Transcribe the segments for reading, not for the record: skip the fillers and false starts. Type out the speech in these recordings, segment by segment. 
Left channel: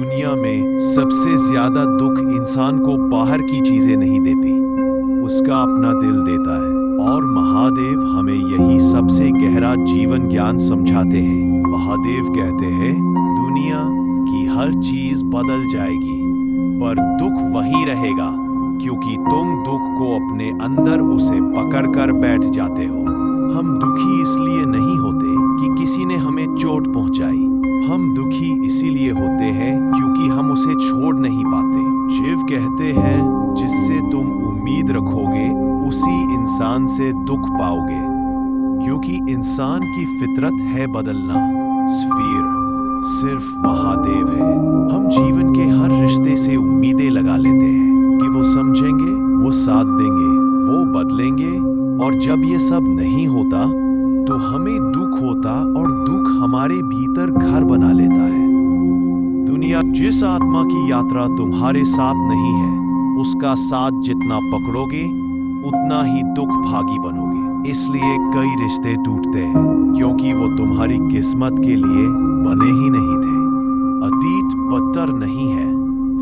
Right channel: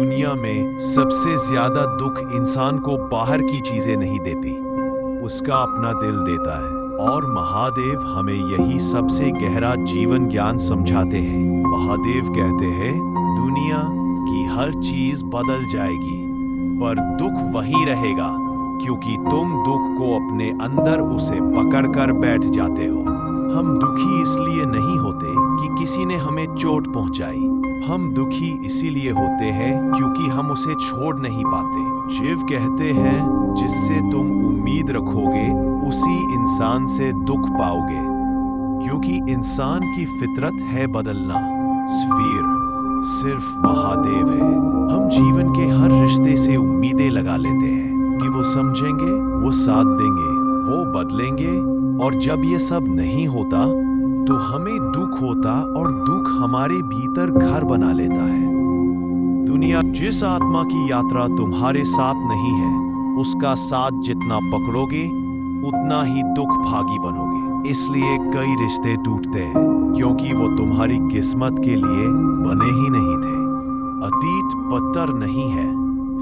दुनिया में सबसे ज्यादा दुख इंसान को बाहर की चीजें नहीं देती, उसका अपना दिल देता है। और महादेव हमें यही सबसे गहरा जीवन ज्ञान समझाते हैं। महादेव कहते हैं, दुनिया की हर चीज बदल जाएगी पर दुख वही रहेगा, क्योंकि तुम दुख को अपने अंदर उसे पकड़कर बैठ जाते हो। हम दुखी इसलिए नहीं होते कि किसी ने हमें चोट पहुंचाई, हम दुखी इसीलिए होते हैं क्योंकि हम उसे छोड़ नहीं पाते। शिव कहते हैं, जिससे तुम उम्मीद रखोगे उसी इंसान से दुख पाओगे, क्योंकि इंसान की फितरत है बदलना। स्फीर सिर्फ महादेव है। हम जीवन के हर रिश्ते से उम्मीदें लगा लेते हैं कि वो समझेंगे, वो साथ देंगे, वो बदलेंगे, और जब ये सब नहीं होता तो हमें दुख होता और दुख हमारे भीतर घर बना लेता है। दुनिया जिस आत्मा की यात्रा तुम्हारे साथ नहीं है, उसका साथ जितना पकड़ोगे उतना ही दुख भागी बनोगे। इसलिए कई रिश्ते टूटते हैं क्योंकि वो तुम्हारी किस्मत के लिए बने ही नहीं थे। अतीत पत्थर नहीं है,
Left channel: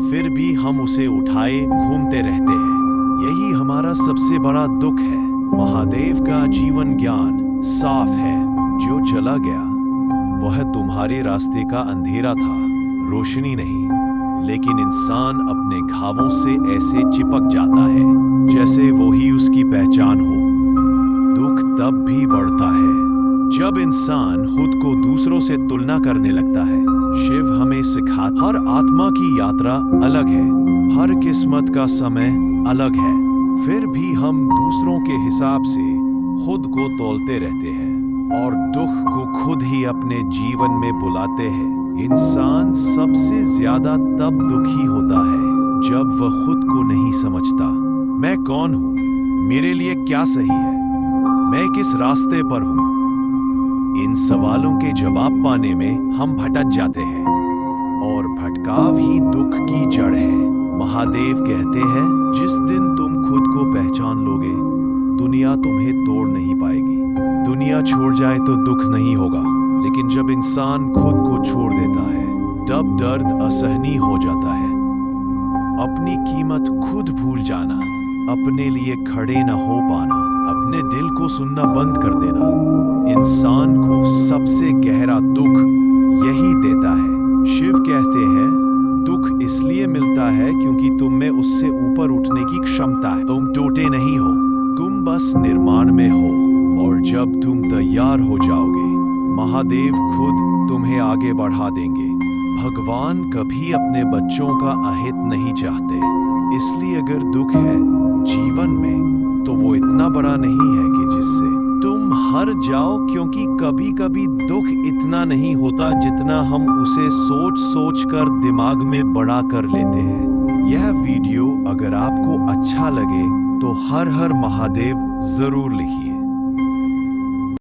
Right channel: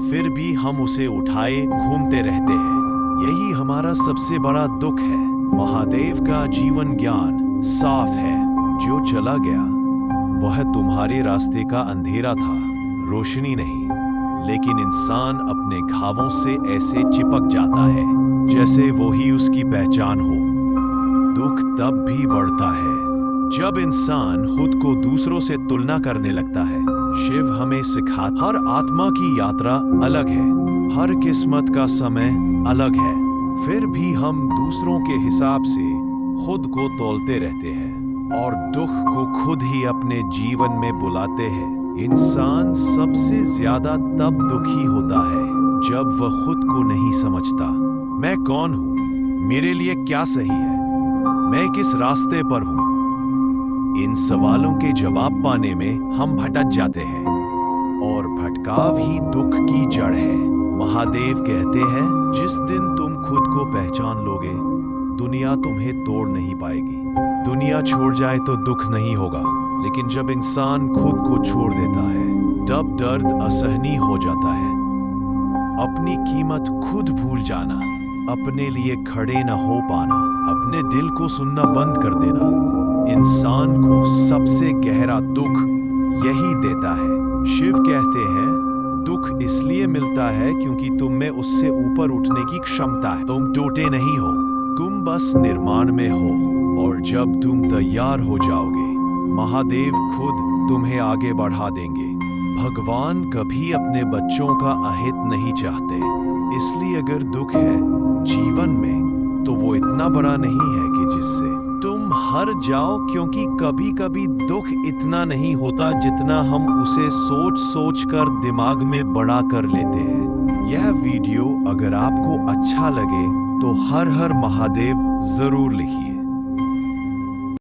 फिर भी हम उसे उठाए घूमते रहते हैं। यही हमारा सबसे बड़ा दुख है। महादेव का जीवन ज्ञान साफ है, जो चला गया वह तुम्हारे रास्ते का अंधेरा था, रोशनी नहीं। लेकिन इंसान अपने घावों से ऐसे चिपक जाता है जैसे वो ही उसकी पहचान हो। दुख तब भी बढ़ता है जब इंसान खुद को दूसरों से तुलना करने लगता है। शिव हमें सिखाता, हर आत्मा की यात्रा अलग है, हर किस्मत का समय अलग है, फिर भी हम दूसरों के हिसाब से खुद को तौलते रहते हैं और दुख को खुद ही अपने जीवन में बुलाते हैं। इंसान सबसे ज्यादा तब दुखी होता है जब वह खुद को नहीं समझता। मैं कौन हूं? मेरे लिए क्या सही है? मैं किस रास्ते पर हूं? इन सवालों के जवाब पाने में हम भटक जाते हैं और भटकाव ही दुख की जड़ है। महादेव कहते हैं, जिस दिन तुम खुद को पहचान लोगे, दुनिया तुम्हें तोड़ नहीं पाएगी। दुनिया छोड़ जाए तो दुख नहीं होगा, लेकिन जब इंसान खुद को छोड़ देता है तब दर्द असहनीय हो जाता है। अपनी कीमत खुद भूल जाना, अपने लिए खड़े न हो पाना, अपने दिल को सुनना बंद कर देना, इंसान को सबसे गहरा दुख यही देता है। शिव कहते हैं, दुख इसलिए मिलता है क्योंकि तुम में उससे ऊपर उठने की क्षमता है। तुम टूटे नहीं हो, तुम बस निर्माण में हो, और जब तुम तैयार हो जाओगे, महादेव खुद तुम्हें आगे बढ़ा देंगे। भगवान कभी अपने बच्चों का अहित नहीं चाहते, इसलिए अगर दुख है जीवन में तो वो इतना बड़ा नहीं है कि जिससे तुम हार जाओ, क्योंकि कभी कभी दुख इतना नहीं होता जितना हम उसे सोच सोच कर दिमाग में बड़ा कर लेते हैं। यह वीडियो अगर आपको अच्छा लगे तो हर हर महादेव जरूर लिखिए।